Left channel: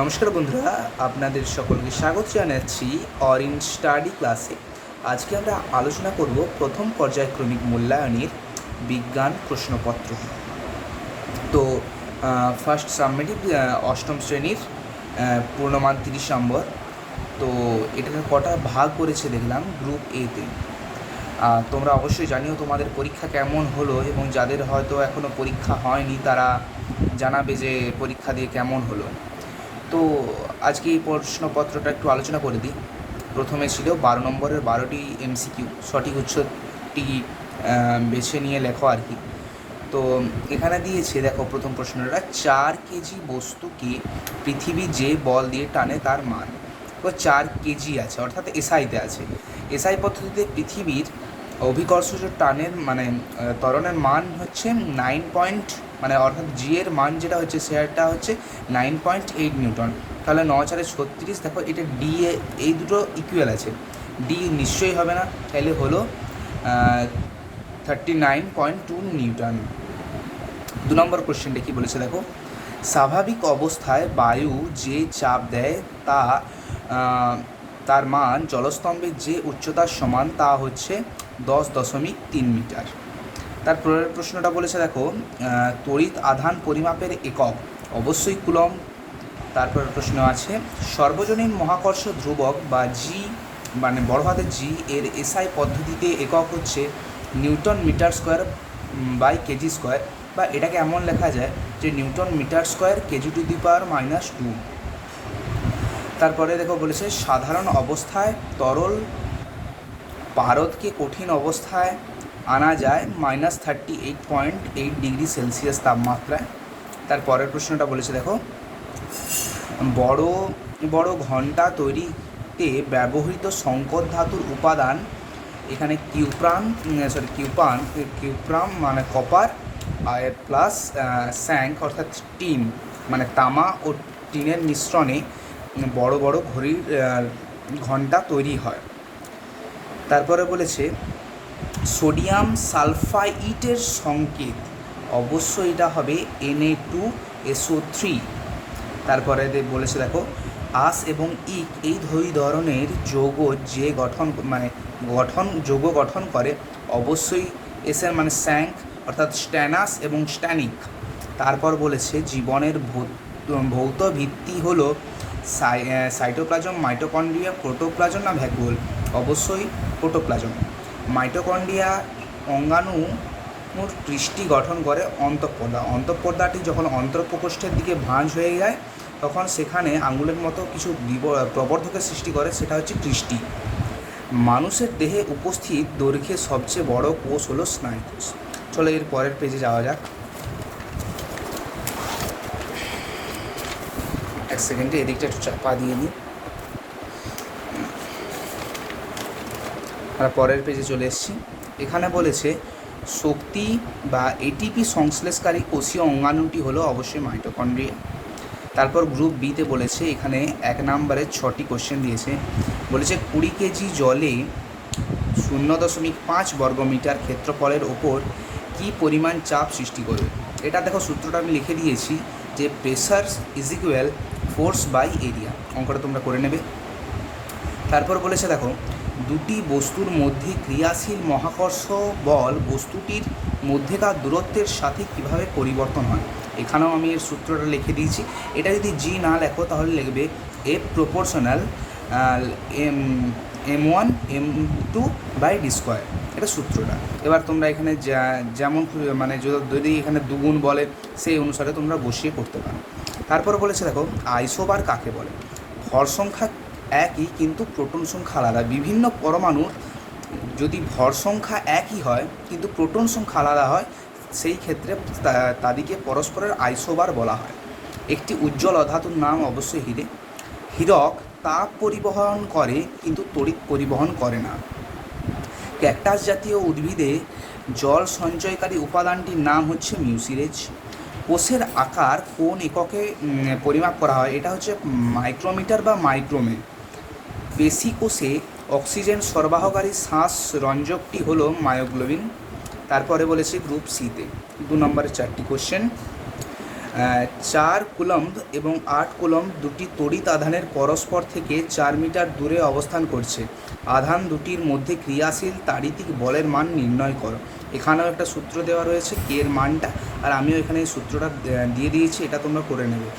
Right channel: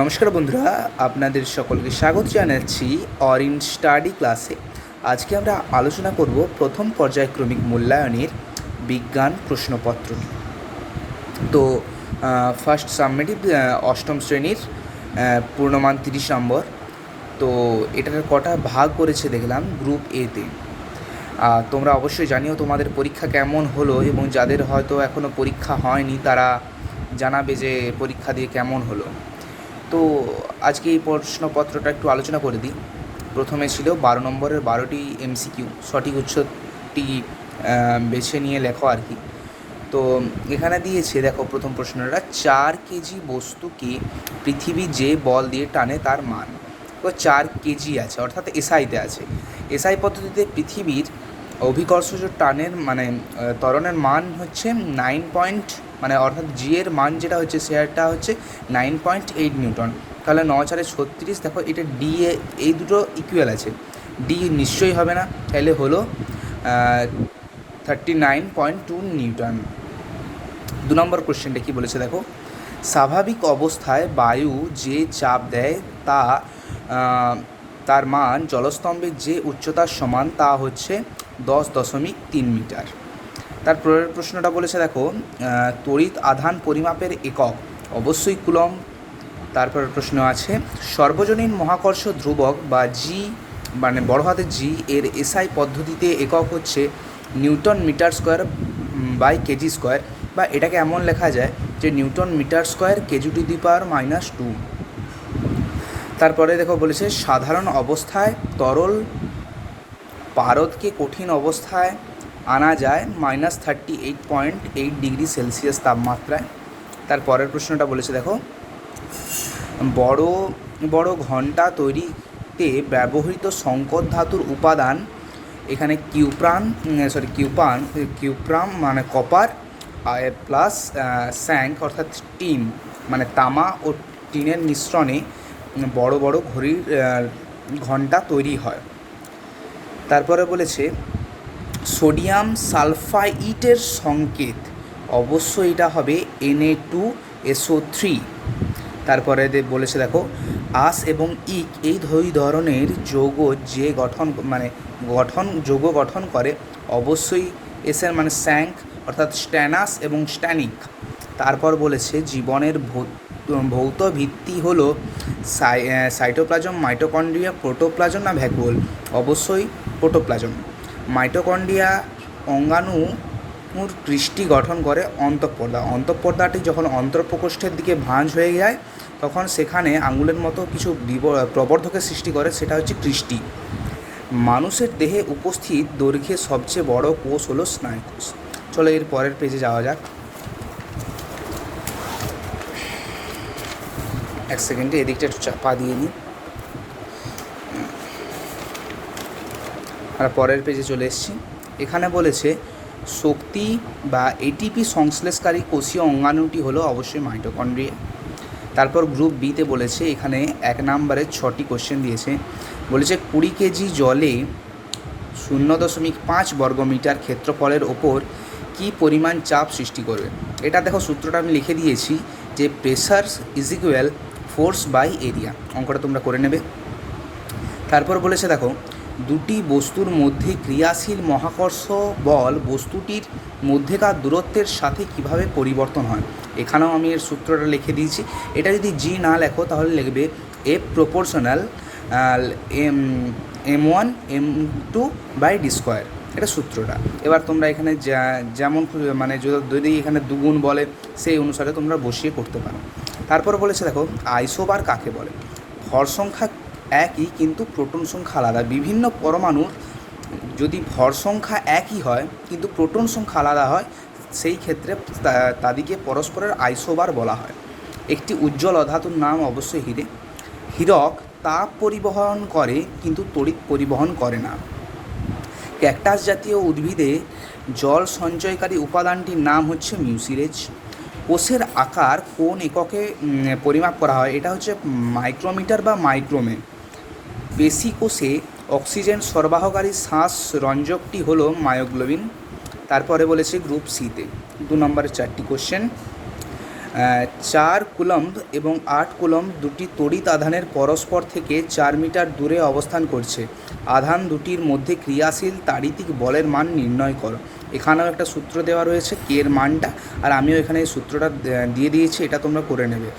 নমস্কার বন্ধুরা, আপনাদের সকলকে স্বাগত জানাচ্ছি অরিন স্টাডি ক্লাসে। আজকে আমরা আলোচনা করব প্রথম পর্যায়ক্রমিক মূল্যায়নের বিজ্ঞান প্রশ্নপত্র। তো ফার্স্ট সাবমিটিভ অষ্টম শ্রেণীর পূর্ণমান 30 নম্বর। তো এটার কটা ভাগ করেছে দেখলাম গ্রুপ এতে। তোমরা অবশ্যই জানিও তোমাদের পরীক্ষা কেমন হলো, এবং যাদের হয়তো এখনও পরীক্ষা হয়নি তারা জানাবে যে পরীক্ষা দিয়ে কেমন হলো। তো আজকে এই প্রশ্নপত্রটা একটু আলোচনা করে দিই। প্রথমে ছিল 12 নম্বরের 12টি এমসিকিউ, সঠিক উত্তরটি বেছে নিয়ে লেখো আর কি। তো এখানে দিয়েছে, দেখো প্রথম প্রশ্নটা, 4 কেজি বস্তুকে পৃথিবী যে বল দিয়ে টানে তার মান। তো 4 কেজি আছে, অর্থাৎ এসআইতে আছে। এসআই পদ্ধতিতে পৃথিবীর অভিকর্ষজ টানের ত্বরণের মান হচ্ছে 9 মানে অর্থাৎ জি এর মান যেটা হচ্ছে সেটা হচ্ছে 9.8 নিউটন। তাহলে 9×4 = 36। দেখো এটা ডি এ, এই দুটো ইকুয়াল আছে, ডি নিশ্চয়ই হবে না, তাহলে হলো 39.2 নিউটন। 2 নম্বর কোশ্চেনটা কী বলেছে দেখো, স্বাভাবিক অবস্থায় বায়ু যে চাপ দেয় তার মান জলস্তম্ভের যে উচ্চতার সমান তা হচ্ছে 10.3 মিটার। তারপরের প্রশ্নটা বলেছে দেখো, তড়িৎ আধান পরিমাপের একক অবশ্যই কুলম্ব। তারপরের প্রশ্ন আছে, সর্বজনীন মহাকর্ষ ধ্রুবক বা জি মানে বড় হাতের জি এর এসআই পদ্ধতিতে একক হচ্ছে newton metre square by KG square, বা এটাকে এমন লেখা যায় যে নিউটন মিটার স্কোয়ার কেজি⁻²। তারপরে দেখো বলেছে, সাধারণ অবস্থায় তরল পারদকে কঠিন অবস্থায় আনা যায় -38.8 ডিগ্রি সেলসিয়াস তাপমাত্রায়। তারপরের প্রশ্নটা বলেছে দেখো, বড় বড় ঘণ্টা তৈরিতে ব্যবহৃত সংকর ধাতুর উপাদান, এখানে কিউপ্রাম মানে কপার প্লাস স্যাঙ্ক অর্থাৎ টিন মানে তামা ও টিনের মিশ্রণে বড় বড় ঘড়ির ঘণ্টা তৈরি হয়। তারপরে বলেছে, সোডিয়াম সালফাইটের সংকেত অবশ্যই এটা হবে Na2SO3। তারপরে বলেছে দেখো, আস এবং ইক এই দুই ধরনের যৌগ যে যৌগ গঠন করে অবশ্যই এসের মানে স্যাঙ্ক অর্থাৎ স্ট্যানাস এবং স্ট্যানিক। তারপর বলেছে, জীবনের ভৌত ভিত্তি হলো সাইটোপ্লাজম, মাইটোকন্ড্রিয়া, প্রোটোপ্লাজম না ভ্যাকুওল, অবশ্যই প্রোটোপ্লাজম। মাইটোকন্ড্রিয়া অঙ্গাণুর কৃষ্টি গঠন করে অন্তঃপর্দা। অন্তঃপর্দাটি যখন অন্তঃপ্রকোষ্ঠের দিকে ভাঁজ হয়ে যায় তখন সেখানে আঙুলের মতো কিছু প্রবর্ধকের সৃষ্টি করে, সেটা হচ্ছে কৃষ্টি। মানুষের দেহে উপস্থিত দৈর্ঘ্যে সবচেয়ে বড় কোষ হলো স্নায়ুকোষ। চলো এর পরের পেজে যাওয়া যাক। এক সেকেন্ডে এদিকটা একটু চাপা দিয়ে নিই। আর পরের পেজে চলে এসেছি। এখানে বলেছে, শক্তি বা এটিপি সংশ্লেষকারী কোষীয় অঙ্গাণুটি হলো অবশ্যই মাইটোকন্ড্রিয়া। তারপর গ্রুপ বিতে বলেছে, এখানে 1 নম্বরে 6টি কোশ্চেন দিয়েছে। বলেছে 20 কেজি জলে 0.5 বর্গমিটার ক্ষেত্রফলের ওপর কী পরিমাণ চাপ সৃষ্টি করবে। এটা দেখো সূত্রটা আমি লিখে দিয়েছি যে প্রেসার = ফোর্স বাই এরিয়া। অঙ্কটা তোমরা করে নেবে। তারপর বলেছে দেখো, দুটি বস্তুর মধ্যে ক্রিয়াশীল মহাকর্ষ বল বস্তুটির মধ্যেকার দূরত্বের সাথে কিভাবে পরিবর্তন হয়। এখানেও আমি এর সূত্রটা লিখে দিয়েছি। এটা যদি জি না লেখো তাহলে লিখবে F প্রপোর্শনাল m1m2/d²। এটা সূত্রটা। এবার তোমরা এখানে যেমন মানে যদি এখানে দুগুণ বলে সেই অনুসারে তোমরা বসিয়ে করতে পারো। তারপর বলেছে দেখো, আইসোবার কাকে বলে। ভর সংখ্যা একই কিন্তু প্রোটন সংখ্যা আলাদা। বিভিন্ন পরমাণুর যদি ভর সংখ্যা একই হয় কিন্তু প্রোটন সংখ্যা আলাদা হয়, সেই ক্ষেত্রে তাদেরকে পরস্পরের আইসোবার বলা হয়। একটি উজ্জ্বল অধাতুর নাম অবশ্যই হীরে। হীরক তাপ পরিবহন করে কিন্তু তড়িৎ পরিবহন করে না। ক্যাকটাস জাতীয় উদ্ভিদে জল সঞ্চয়কারী উপাদানটির নাম হচ্ছে মিউসিলেজ। কোষের আকার কোন এককে পরিমাপ করা হয়, এটা হচ্ছে মাইক্রোমিটার বা মাইক্রোমে। পেশি কোষে অক্সিজেন সরবরাহকারী শ্বাস রঞ্জকটি হলো মায়োগ্লোবিন। তারপরে বলেছে গ্রুপ সিতে 2 নম্বরের 4টি কোশ্চেন, 4 কুলম্ব এবং 8 কুলম্ব দুটি তড়িৎ আধানের পরস্পর থেকে 4 মিটার দূরে অবস্থান করছে। আধান দুটির মধ্যে ক্রিয়াশীল তাড়িতিক বলের মান নির্ণয় করো। এখানেও একটা সূত্র দেওয়া রয়েছে কে এর মানটা, আর আমিও এখানে এই সূত্রটা দিয়ে দিয়েছি, এটা তোমরা করে নেবে।